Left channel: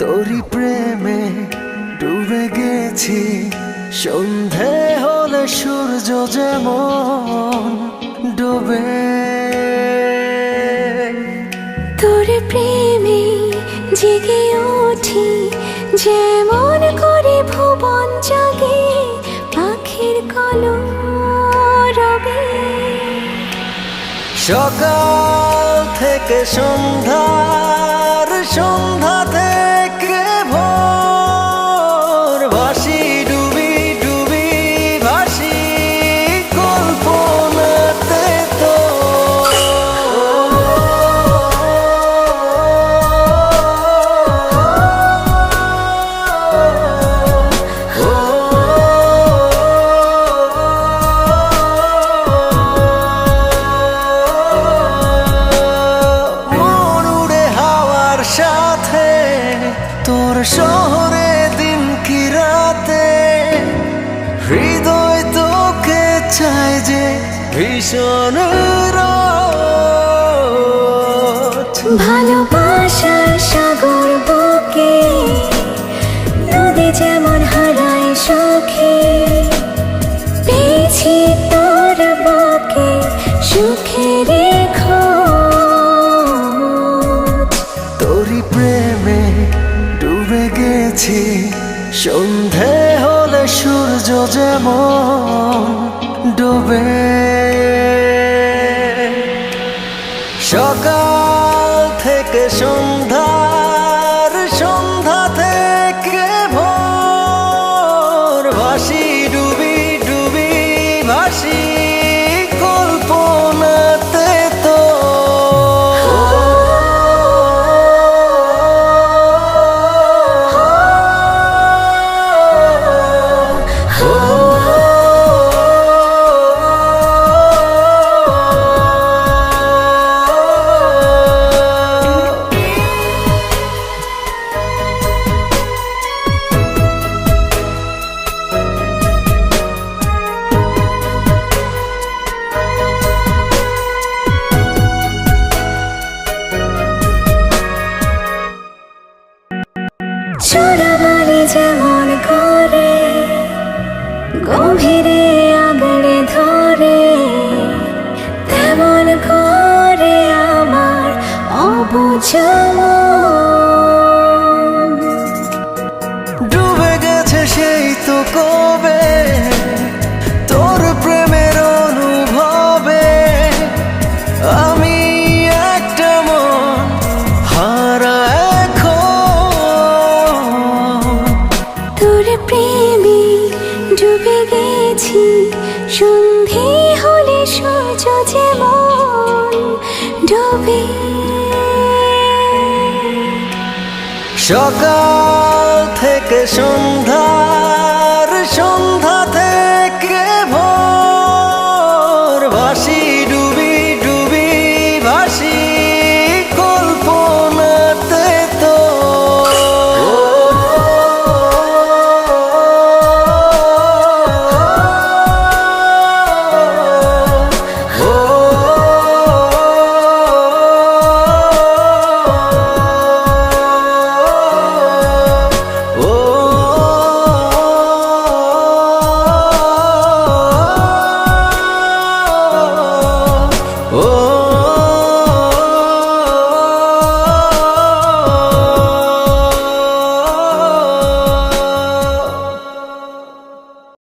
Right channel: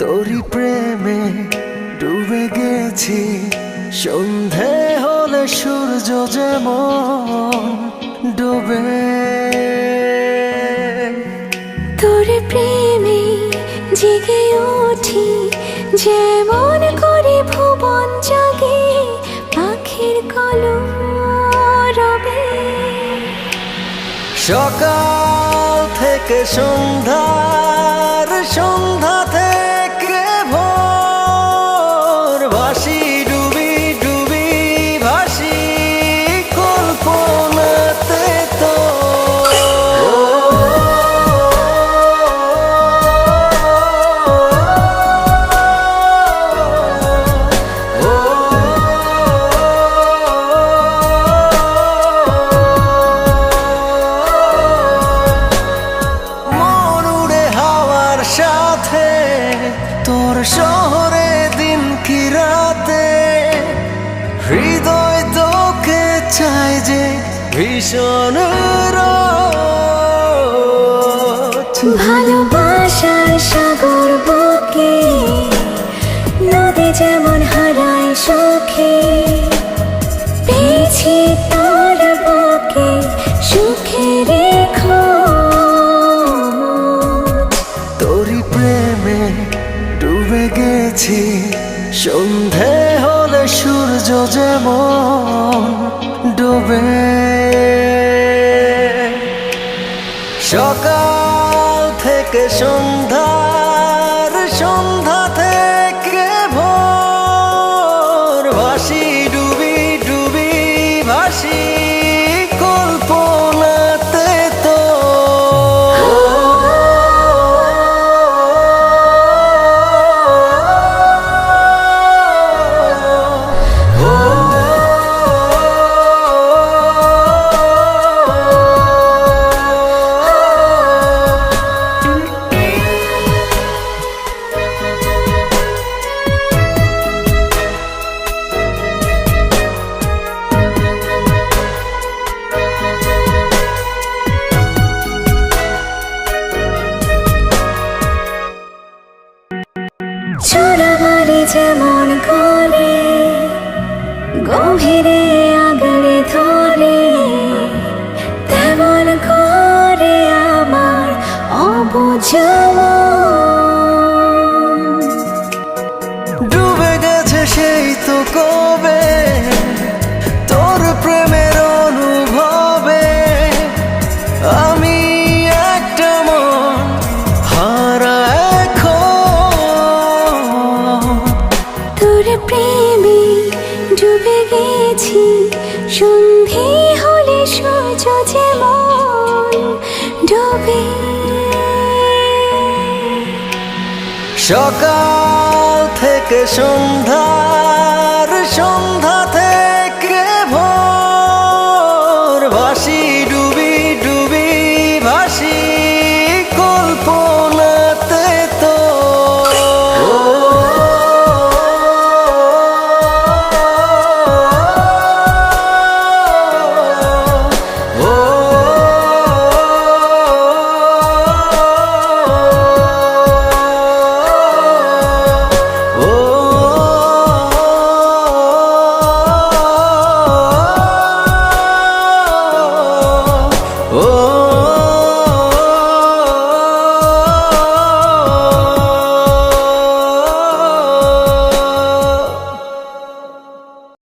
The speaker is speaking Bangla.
তোরি প্রেমে ডুবে গেছি, সন্ধে হলে সূর্য যেমন ডোবে। তোর প্রেমে জেগে উঠি, যেমন করে ভুবন জাগে পাখির কলরবে। সকাল থেকে সন্ধ্যার, সন্ধ্যা থেকে ভোর, ভাসি ডুবি ডুবি ভাসি কল্পনাতে তো। সাথে তোর শহরে দিন কি রাতে, হৃদয় তোকে চাই যে ভীষণ রোজ। ভালোবাসার সাগর বুকে নদী যেমন হারায় সখী, পেয়েছি তোর বুকে সুখের খোঁজ। তোরি প্রেমে ডুবে গেছি, সন্ধে হলে সূর্য যেমন ডোবে। সকাল থেকে সন্ধ্যার, সন্ধ্যা থেকে ভোর, ভাসি ডুবি ডুবি ভাসি কল্পনাতে তো। চোরাবালি যেমন করে গভীরে আগলে ধরে, তেমন করে আমার অবুঝ মন। ডুবে গেছে সেই তো কবে তোর প্রেমের অনুভবে, আমি একটা মন হারা এখন। তোর প্রেমে ডুবে গেছি, সন্ধে হলে সূর্য যেমন ডোবে। সকাল থেকে সন্ধ্যার, সন্ধ্যা থেকে ভোর, ভাসি